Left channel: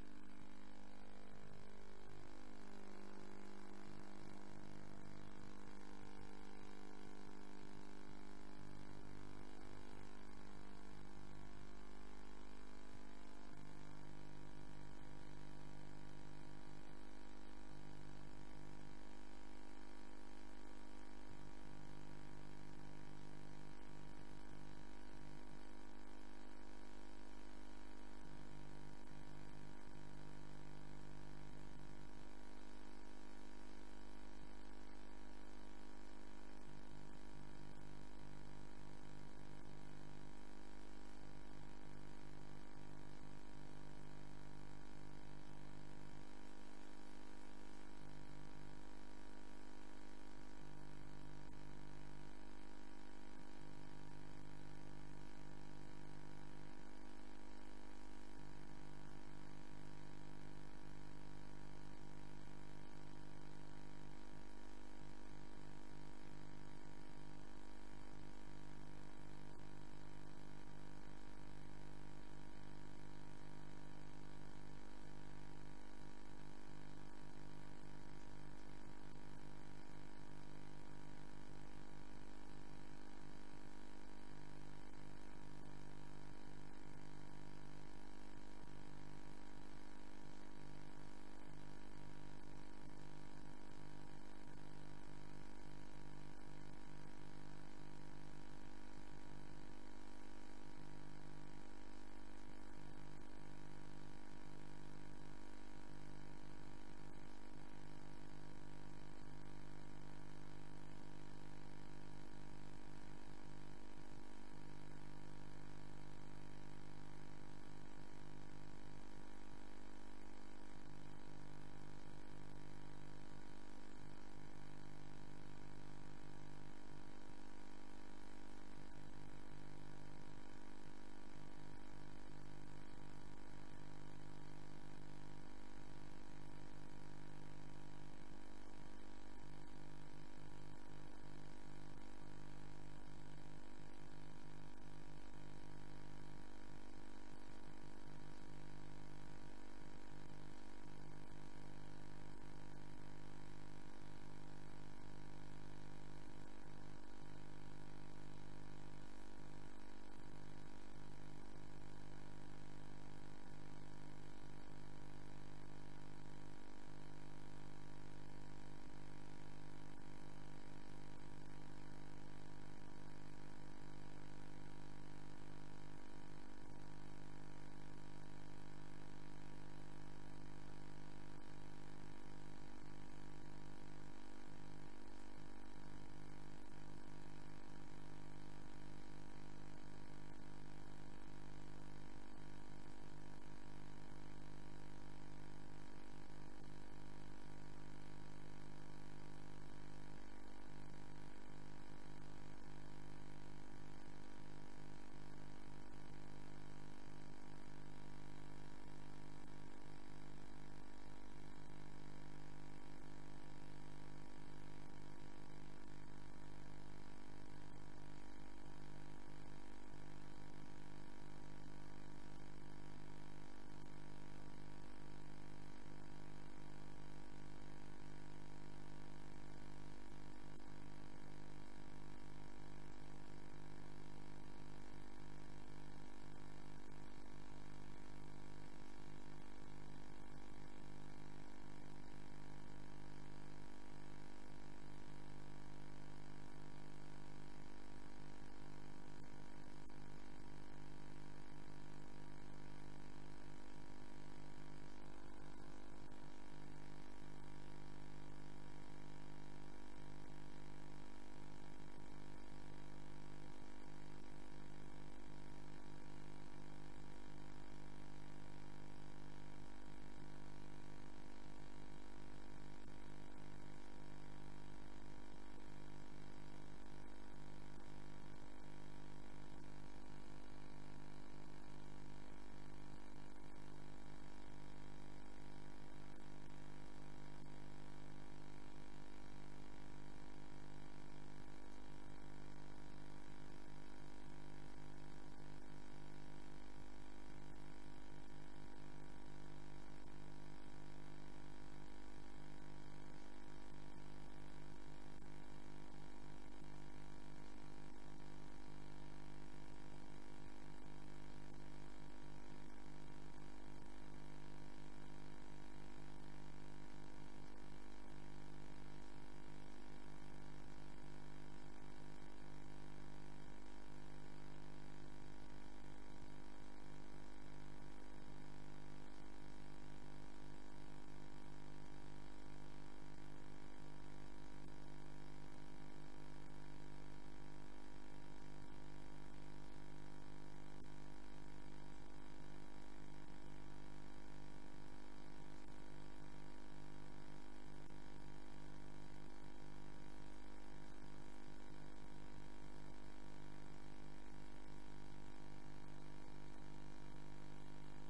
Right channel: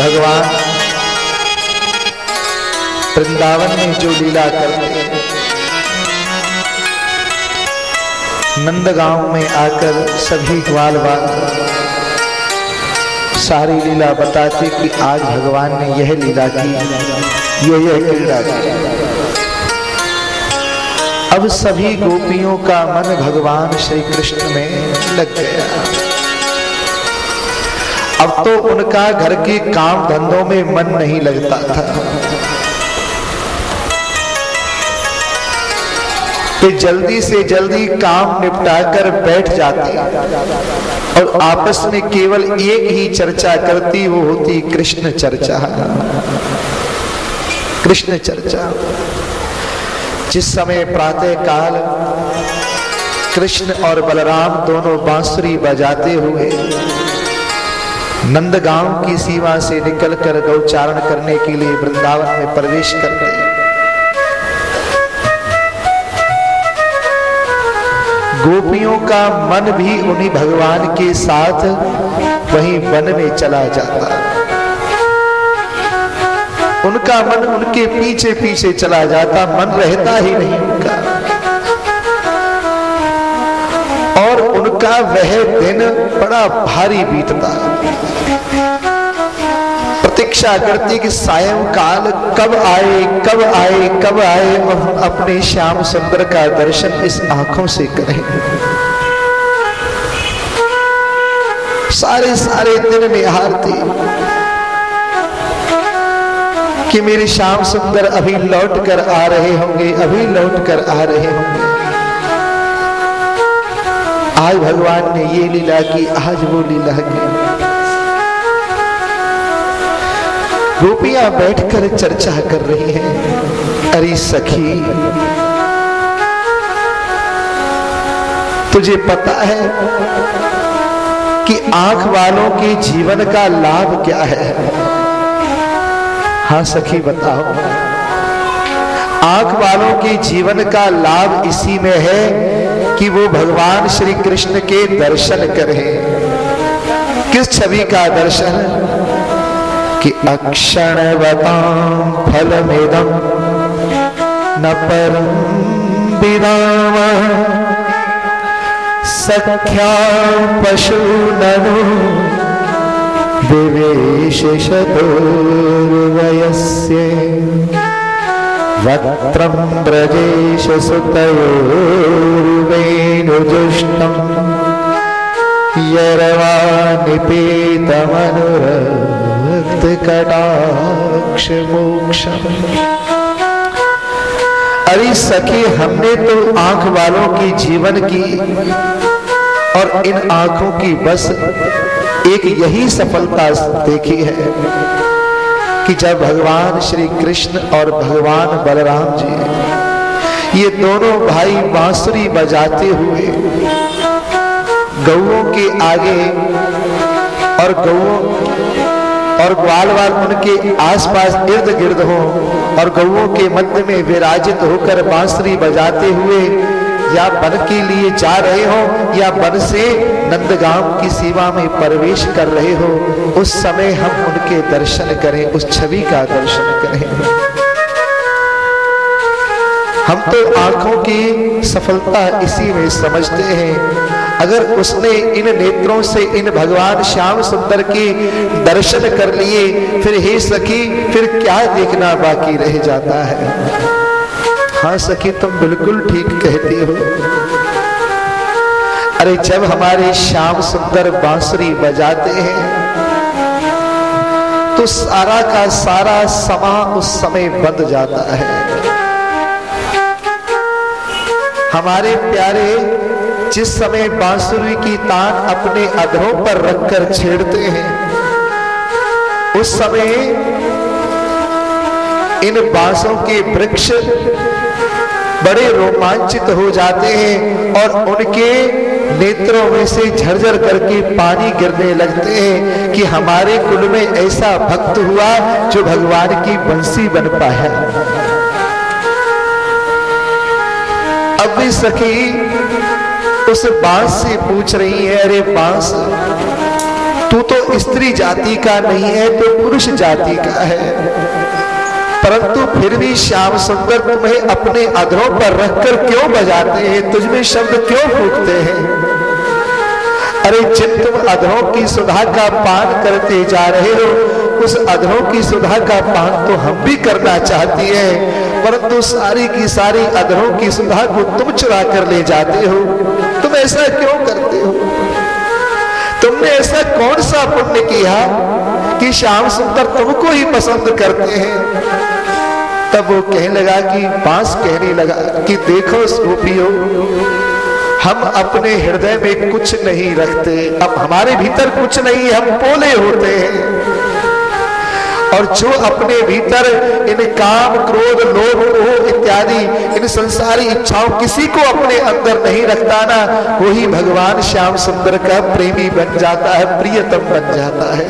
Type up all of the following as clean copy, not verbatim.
भगवान वृंदावन में जो लीला करते हैं, नंदगांव में आकर सभी ग्वाल बाल सारी लीला बताते कि आज भगवान ने यह लीला की, यह क्रीड़ा की। अब सभी गोपियों का मन भगवान श्री कृष्ण में लग गया। अब तो उनका घर के काम धंधों में मन नहीं लगता था। तो जल्दी से जल्दी काम निपटाकर बैठ जाती और आपस में केवल एक ही चर्चा करती, वो होती कृष्ण चर्चा। कृष्ण चर्चा। जिस समय प्रातः काल कृष्ण और बलराम दोनों बांसुरी बजाते हुए नंदगांव की सीमा से निकलकर गौचारण करने के लिए वृंदावन में प्रवेश कर गए, गोपियों का मन भी उन्हीं भगवान के साथ वहीं वन में चला जाता। उनका मन उनके पीछे पीछे चला जाता, मन रहता ही नहीं उनका। और उनका वह दिन बड़ा भारी बीतता। प्रतीक्षा करती कि सायंकाल कब आए, कब आए, कब आए और हम अपने श्याम सुंदर का दर्शन इस आंखों से करें। सारे सारे दिन निहारती कि मेरे श्याम सुंदर अभी लौट कर आ रहे होंगे, अभी लौट कर आ रहे होंगे। आज भगवान ने ये लीला की, आज वो लीला की। गोपियां बैठकर चर्चा कर रही हैं। अरे सखी, तुझे पता है कि आंख वालों के जीवन का लाभ क्या है? हाँ सखी बताओ। आंख वालों के जीवन का लाभ इसी में है कि वो भगवान श्री कृष्ण के दर्शन करें। किस छवि का दर्शन? कि अक्षणवतां फलमिदं न परं विदामः सख्या पशूननु विवेश शतुर्वयस्य वक्त्रं ब्रजेश सुतयोर्वेणुजुष्टं यरवानिपेतमनुरक्तकटाक्ष मोक्षम्। अरे सखी, हमने तो आंख वालों की जीवन की और इन आंखों की बस एक यही सफलता देखी है कि जब भगवान श्री कृष्ण और भगवान बलराम जी ये दोनों भाई बांसुरी बजाते हुए गौओं के आगे और गौओं और ग्वाल वाल उनके आसपास इर्द गिर्द हो और गौओं के मध्य में विराजित होकर बांसुरी बजाते हुए या वन के लिए जा रहे हो या वन से नंदगांव की सीमा में प्रवेश कर रहे हो, उस समय हम उनके दर्शन करें, उस छवि का दर्शन करें। हम तो आंखों की सफलता इसी में समझते हैं। अगर उसने इन नेत्रों से इन भगवान श्याम सुंदर के दर्शन कर लिए, फिर हे सखी, फिर क्या देखना बाकी रह जाता है? हाँ सखी, तुम बिल्कुल ठीक कहती हो। अरे जब हमारे श्याम सुंदर बांसुरी बजाते हैं तो सारा का सारा समा उस समय बंध जाता है। हमारे प्यारे जिस समय बांसुरी की तान अपने अधरों पर रखकर छेड़ते हैं, उस समय इन बांसों के वृक्ष बड़े रोमांचित हो जाते हैं और उनके नेत्रों में से झरझर करके पानी गिरने लगते हैं कि हमारे कुल में ऐसा भक्त हुआ जो भगवान की बंसी बन पाया। अब भी सखी उस बांस से पूछ रही है, अरे बांस, तू तो स्त्री जाति का नहीं है, तो पुरुष जाति का है, परंतु फिर भी श्याम सुंदर तुम्हें अपने अधरों पर रखकर क्यों बजाते हैं, तुझमें शब्द क्यों फूकते हैं? अरे जिन तुम अधरों की सुधा का पान करते जा रहे हो, उस अधरों की सुधा का पान तो हम भी करना चाहती है, परंतु सारी की सारी अधरों की सुधा को तुम चुरा कर ले जाते हो। तुम ऐसा क्यों करते हो? तुमने ऐसा कौन सा पुण्य किया कि श्याम सुंदर तुमको ही पसंद करते हैं? तब वो कहने लगा कि बांस कहने लगा कि देखो गोपियों, हम अपने हृदय में कुछ नहीं रखते, अब हमारे भीतर कुछ नहीं, हम पोले होते हैं, और जो अपने भीतर इन काम क्रोध लोभ मोह इत्यादि इन संसारी इच्छाओं किसी को अपने अंदर नहीं रखता ना, वही भगवान श्याम सुंदर का प्रेमी बन जाता है, प्रियतम बन जाता है।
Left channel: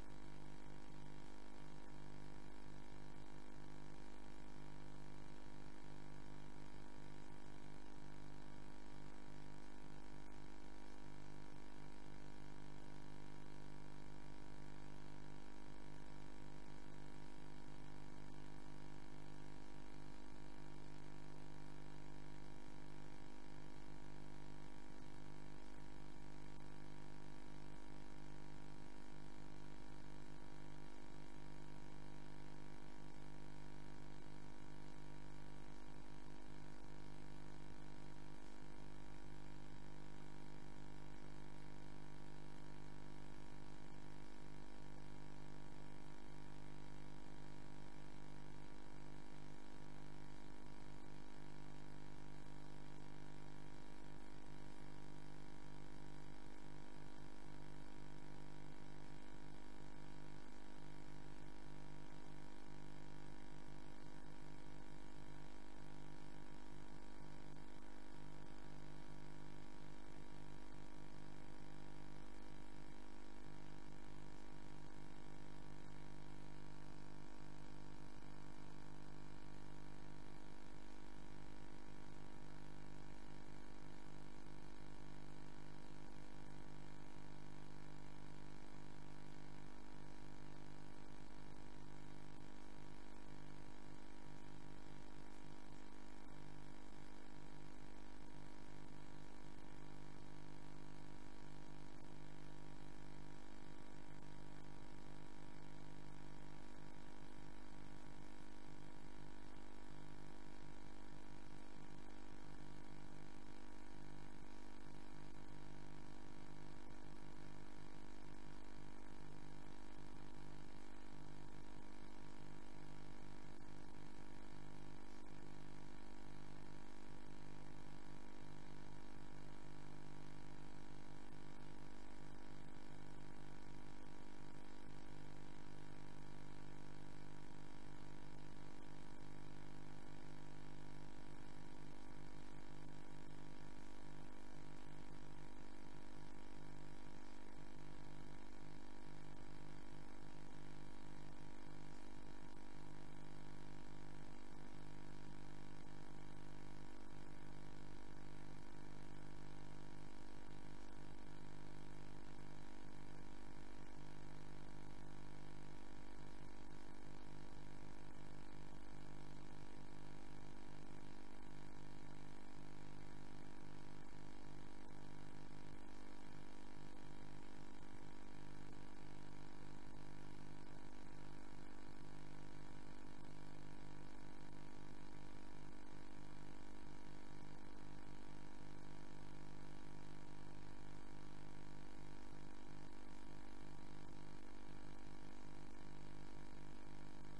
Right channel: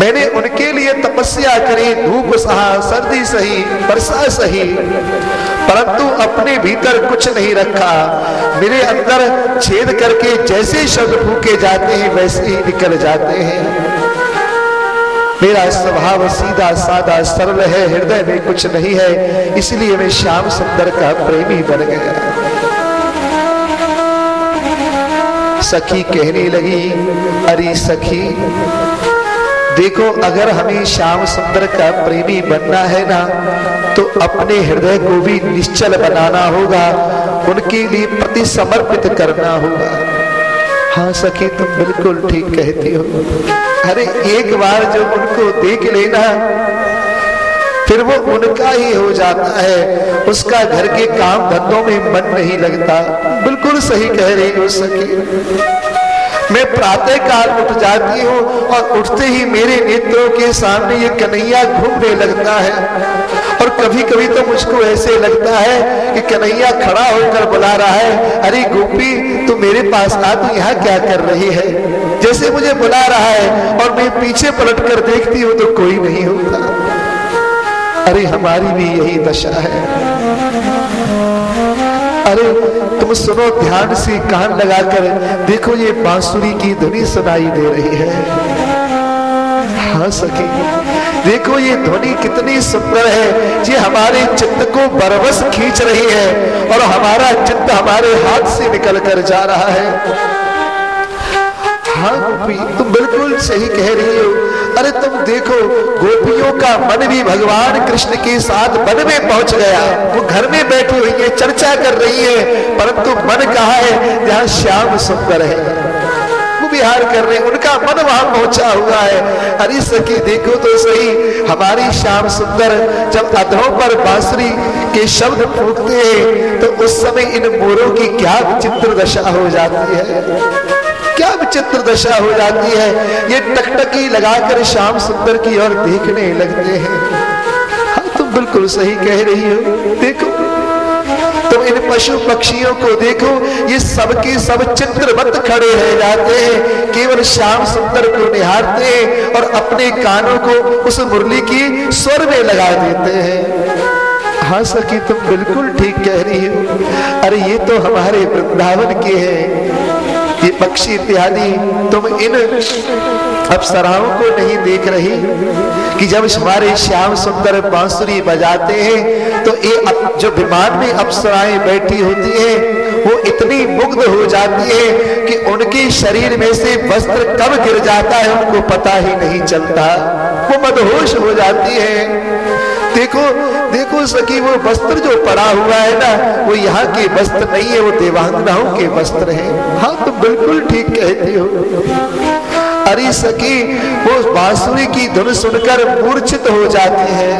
मैंने उनके लिए तपस्या करी, धूप सहा, सर्दी सही, वर्षा सही, परंतु अपने भीतर कुछ नहीं रखा। मेरे अंदर छेद करके जैसे शब्द फूके जाते हैं वैसे ही निकल जाते हैं। मेरा स्वभाव सीधा साधा सरल है, हृदय में कुछ नहीं है, इसलिए मैं श्याम सुंदर का प्रेमी बन गया। सखी कहने लगी, अरे सखी देखो, अगर हमें श्याम सुंदर का प्रेमी बनना है ना, तो अपने हृदय को भी निश्चल बनाना होगा, उनके लिए प्रति समर्पित करना होगा। हाँ सखी, तुम बिल्कुल ठीक कहती हो। अरे एक बार जो उनको देख लेना, फिर वो उनका ही हो जाता है, उसका घर के काम धंधों में मन नहीं लगता। बिल्कुल सही कह रही हो सखी। मैं प्रातः काल उठ जाती हूँ और उठते ही मेरे नेत्रों के सामने ये कन्हैया घूमने लगता है, और कभी कभी तो मुझको ऐसे लगता है कि कन्हैया खड़ा होकर बुला रहा है, अरे गोपी तू मेरे पास आ, तू यहाँ क्या कर रही है? जैसे मुझे बुला रहा है, और मैं पीछे पलट कर देखती हूँ तो कोई नहीं होता। अरे हमारी भी यही दशा है। अरे तुम सुनो, ध्यान से कान लगाकर देखो, ये बांसुरी की ध्वनि सुनाई दे रही है। हाँ सखी, देखो ये ध्वनि कितनी सुंदर है, ये हमारे चित्त को बरबस खींच रही है, और हमारा चित्त हमारे हाथ से निकल कर जा रहा है। हाँ गोपी, तुम बिल्कुल सही कह रही हो। अरे तुम देखो, गोपियों का मन भी भगवान कृष्ण के साथ वन में पहुंच गया। वो घर में बैठी हुई है, चर्चा कर रही है, परंतु मन कहाँ है? जहाँ श्याम सुंदर है, वो विहार कर रहे हैं, उनका मन वहां पहुंचा हुआ है। अरे सखी देखो तो सही, हमारी श्याम सुंदर जब अधरों पर बांसुरी के शब्द फूंकते हैं, तो उस समय इन मोरों की क्या विचित्र दशा हो जाती है, क्या विचित्र दशा हो जाती है। ये टकटकी लगाकर श्याम सुंदर की ओर देखने लगते हैं। हाँ तुम बिल्कुल सही कह रही हो। देखो तुम इन पशु पक्षियों को देखो, ये सबके सब चित्रवत खड़े रह जाते हैं, केवल श्याम सुंदर को निहारते हैं और अपने कानों को उस मुरली की स्वर में लगा देते हैं। हाँ सखी, तुम बिल्कुल ठीक कह रही हो। अरे ये तो हमारे वृंदावन के हैं, ये पक्षी इत्यादि। तुम इन अप्सराओं को नहीं देख रही कि जब हमारे श्याम सुंदर बांसुरी बजाते हैं, तो ये जो विमान में अप्सराएं बैठी होती हैं, वो इतनी मुग्ध हो जाती है कि उनके शरीर में से वस्त्र कब गिर जाता है उनको पता ही नहीं चलता, वो मदहोश हो जाती है। देखो देखो सखी, वो वस्त्र जो पड़ा हुआ है ना, वो यहाँ के वस्त्र नहीं है, वो देवांगनाओं के वस्त्र हैं। हाँ तुम बिल्कुल ठीक कहती हो। अरे सखी, वो बांसुरी की धुन सुनकर मूर्छित हो जाती है,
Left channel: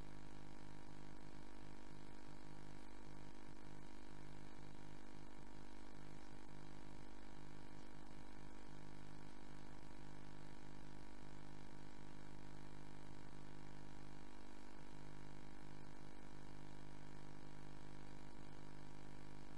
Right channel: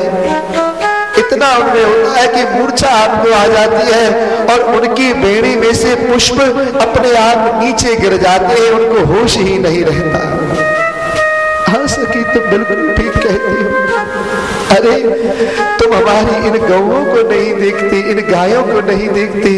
इतना उनमें होता है कि मूर्छा आपको आ जाती है, और उनकी बेड़ी में से पुष्प अपने आप नीचे गिर जाते हैं, उनको होश ही नहीं रहता। हाँ सखी, तुम बिल्कुल ठीक कहती हो। अरे तुम हमारी इन गौओं को नहीं देखती, इन गायों को नहीं देखती।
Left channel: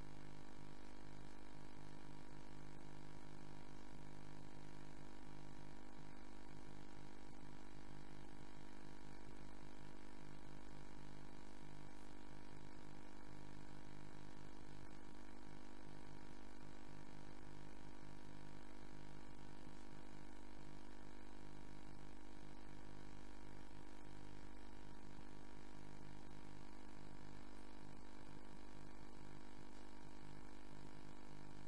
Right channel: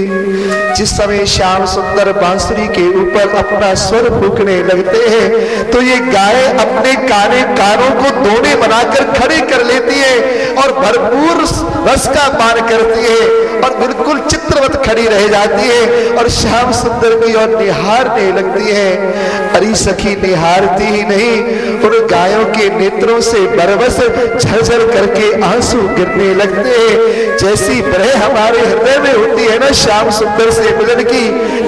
जिस समय श्याम सुंदर बांसुरी के ऊपर अपना स्वर फूंकने लगते हैं, तो ये गाय अपने कानों को दोने बनाकर खड़े कर लेती है और भरपूर रस का पान करती है, और बिल्कुल चित्रवत खड़ी रह जाती है और श्याम सुंदर की और निहारने लगती है। अरे सखी निहारती ही नहीं, उन गायों के नेत्रों से बरबस झरझर करके आंसू गिरने लगते हैं। जैसी बरह हमारे हृदय में होती है ना श्याम सुंदर से मिलन की,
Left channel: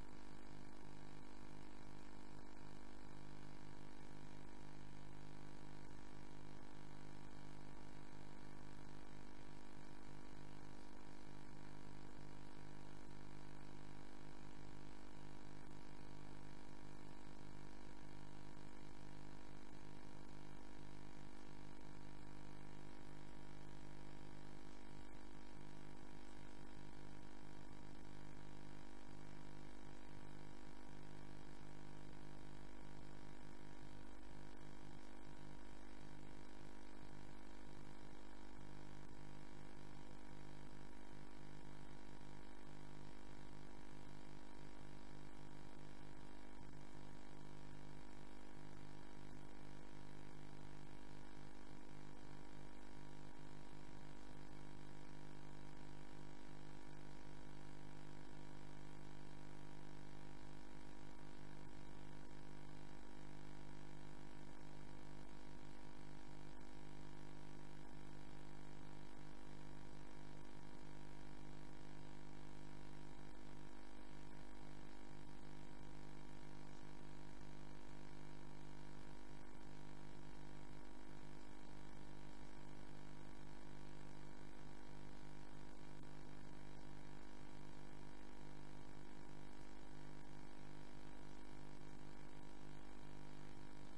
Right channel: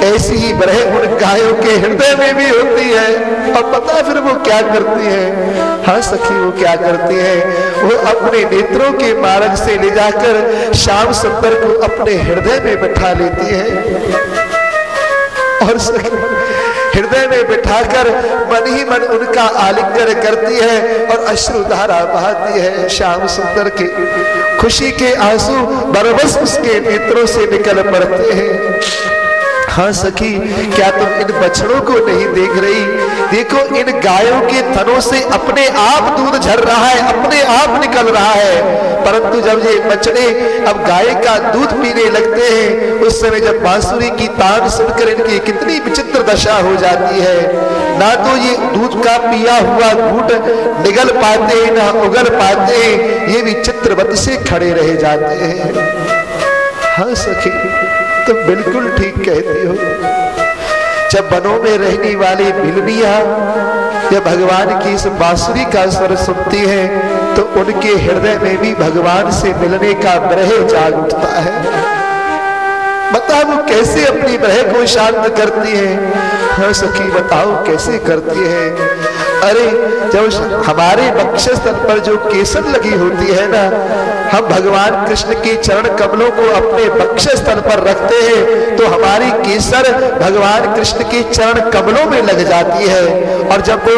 ऐसी ही बरह उन गायों के हृदय में भी होती है। और पता फिर वो क्या करती है? हाँ सखी वो क्या करती है? वो अपने नेत्रों के मार्ग से ले जाकर श्याम सुंदर को अपने हृदय में बैठा लेती है और हृदय में बिठाकर मन ही मन उनका आलिंगन करती है और अश्रुधारा बहाती है। श्याम सुंदर के खुशी के आंसू बरबस उसके नेत्रों से निकल पड़ते हैं। हाँ सखी, क्या तुम इन बछड़ों को नहीं देख रही? देखो इन गायों के थनों से अपने आप दूध झर रहा है, अपने आप निकल रहा है। परंतु जब ये बछड़े अब गाय का दूध पीने लगते हैं, उस समय जब बांसुरी की तान सुनकर इनकी कितनी विचित्र दशा हो जाती है। ना तो ये दूध का पिया हुआ घूंट निगल पाते, ना उगल पाते, ये भी चित्रवत से खड़े रह जाते हैं। हाँ सखी, तुम बिल्कुल ठीक कहती हो। जब वनों में रहने वाली भिलनियां जब भगवान की इस बांसुरी का स्वर सुनती है तो उनके हृदय में भी भगवान से मिलने का ब्रह जाग उठता है। बताओ वो कैसे अपनी ब्रह को शांत करती है? हाँ सखी बताओ कैसे करती है? अरे जब हमारे वक्षस्थल पर जो केसर लगी होती है ना, हम भगवान कृष्ण के चरण कमलों को अपने वक्षस्थल पर रखते हैं तो हमारी केसर भगवान कृष्ण के चरण कमलों में लग जाती है। और जब वो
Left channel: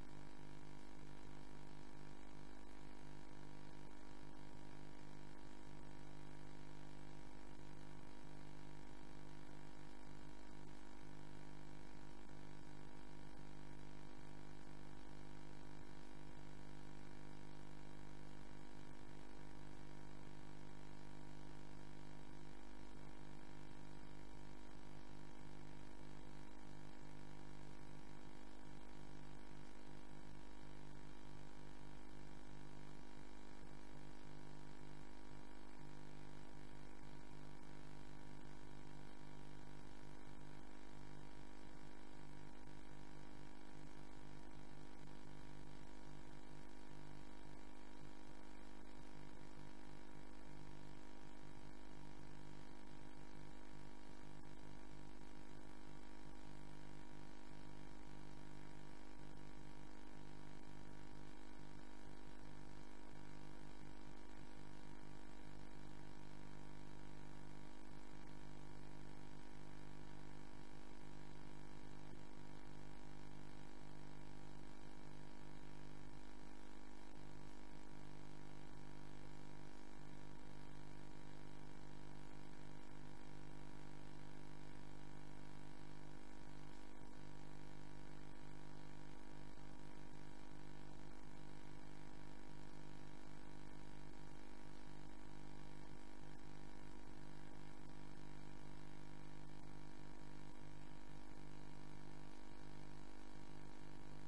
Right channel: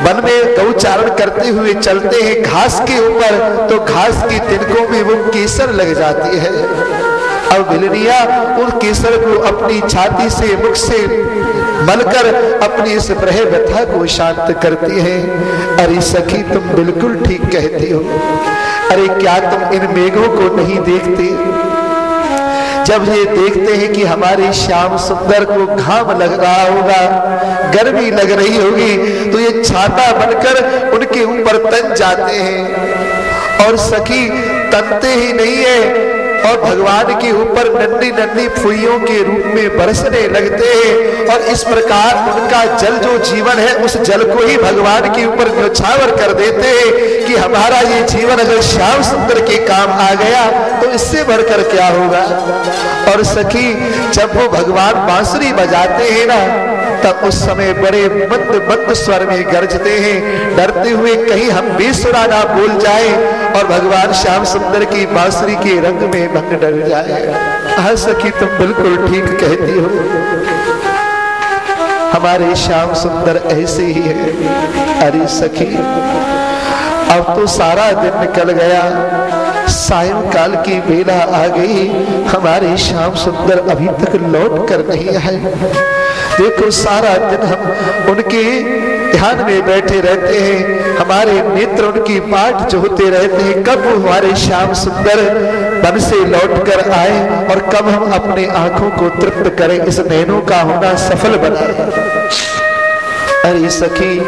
वन में गौचारण करते हुए चलते हैं घास के ऊपर, तो घास के तिनकों में वो केसर लग जाती है। अब भिलनिया उन केसर को अपनी छाती से, मुख से मलकर अपनी इस ब्रह व्यथा को शांत करती है। अरे सखी तुम बिल्कुल ठीक कहती हो। अरे क्या तुम इन मेघों को नहीं देखते? जब ये देखते हैं कि हमारे श्याम सुंदर को घाम लग रहा होगा, गर्मी लग रही होगी, तो ये छाता बनकर उनके ऊपर तन जाते हैं। और सखी तनते ही नहीं है और भगवान के ऊपर नन्ही नन्ही फुइयों के रूप में बरसने लगते हैं। और इस प्रकार उनका जल जो जीवन है, उस जल को ही भगवान के ऊपर न्यौछावर कर देते हैं कि हमारा ये जीवन अगर श्याम सुंदर के काम आ गया तो इससे बढ़कर क्या होगा। और सखी जब वो भगवान बांसुरी बजाते हैं ना, तब उस समय बड़े मंद मंद स्वर में गरजते हैं, डरते हुए कहीं हम बेसुरा ना बोल जाए और भगवान श्याम सुंदर की बांसुरी के रंग में भंग डर जाए। हाँ सखी तुम बिल्कुल ठीक कहती हो। हमारे श्याम सुंदर ऐसे ही है। अरे सखी अब तो सारा दिन निकल गया, सायंकाल की बेला आ गई, हमारे श्याम सुंदर अभी तक लौट कर नहीं आए। देखो सारा दिन हम उनके ध्यान में बैठे रहते हैं, हमारे नेत्र उनकी बाट जोहते रहते हैं कब हमारे श्याम सुंदर वन से लौट कर आए और कब हम अपने आंखों को तृप्त करें, इस नैनों का होना सफल बनाए। अरे सखी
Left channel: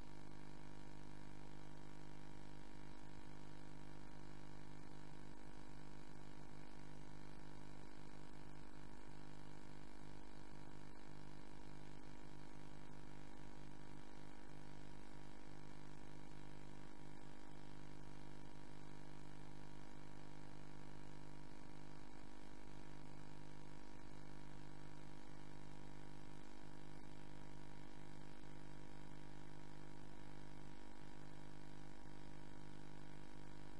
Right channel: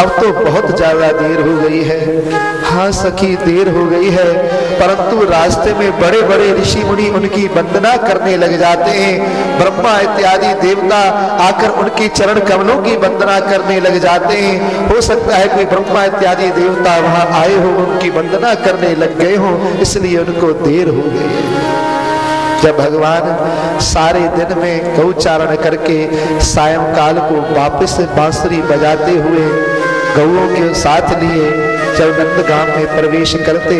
अब तो बहुत ज्यादा देर हो गई है। हाँ सखी देर हो गई है, परंतु रास्ते में बड़े बड़े ऋषि मुनि उनकी वंदना करने लग जाते हैं। ब्रह्मा इत्यादि देवता आकर उनके चरण कमलों की वंदना करने लग जाते हैं। हो सकता है कोई ब्रह्मा इत्यादि देवता वहां आए हो, उनकी वंदना करने लग गए हो, इसलिए उनको देर हो गई। जब भगवान सारे दिन में गौचारण करके सायंकाल को वापस बांसुरी बजाते हुए गौओं के साथ लिए जब नंदगांव में प्रवेश करते,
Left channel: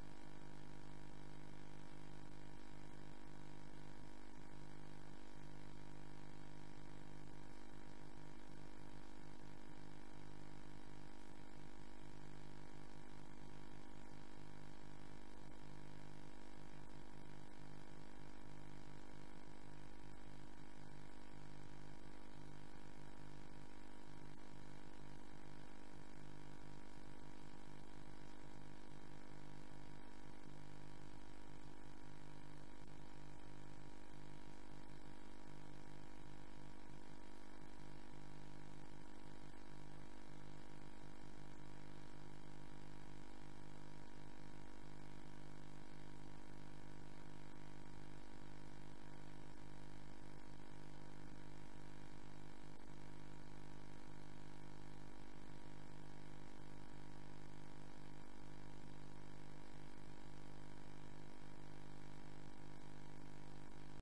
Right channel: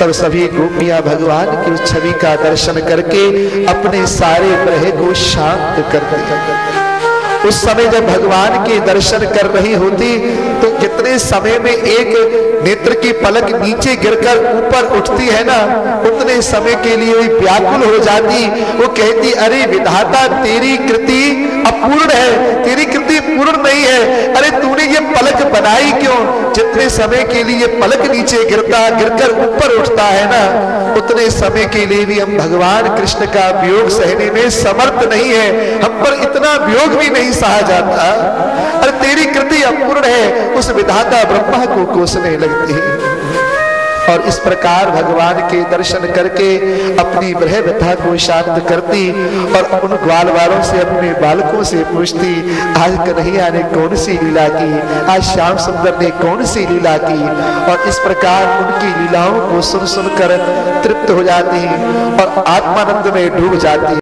तब सभी गोपियां भगवान की उस छवि का दर्शन करके अपने सारे ब्रह को शांत करते। उस समय जब भगवान के दर्शन कर रही होती तो कितने समय में एक नेत्र की पलक नीचे गिरकर ऊपर उठती है ना, उतने समय के लिए वो व्याकुल हो जाती। वो कहती अरे विधाता तेरी कृति अपूर्ण है, तेरी कृति पूर्ण नहीं है। अरे तूने ये पलक बनाई क्यों? जितने समय के लिए पलक नीचे गिरकर ऊपर उठता है ना, उतने समय के लिए भी हम भगवान कृष्ण का वियोग सहने में समर्थ नहीं है, हम पर इतना वियोग भी नहीं सहा जाता। अरे तेरी कृति अपूर्ण है, उस विधाता ब्रह्मा को कोसने लगती है। और इस प्रकार भगवान के दर्शन करके अपनी ग्रह व्यथा को शांत करती और उन ग्वाल वालों से अपने बालकों से पूछती, आज कन्हैया ने कौन सी लीला की, आज श्याम सुंदर ने कौन सी लीला की। और इस प्रकार उनकी लीलाओं को सुन सुनकर तृप्त हो जाती और आत्मानंद में डूब जाती।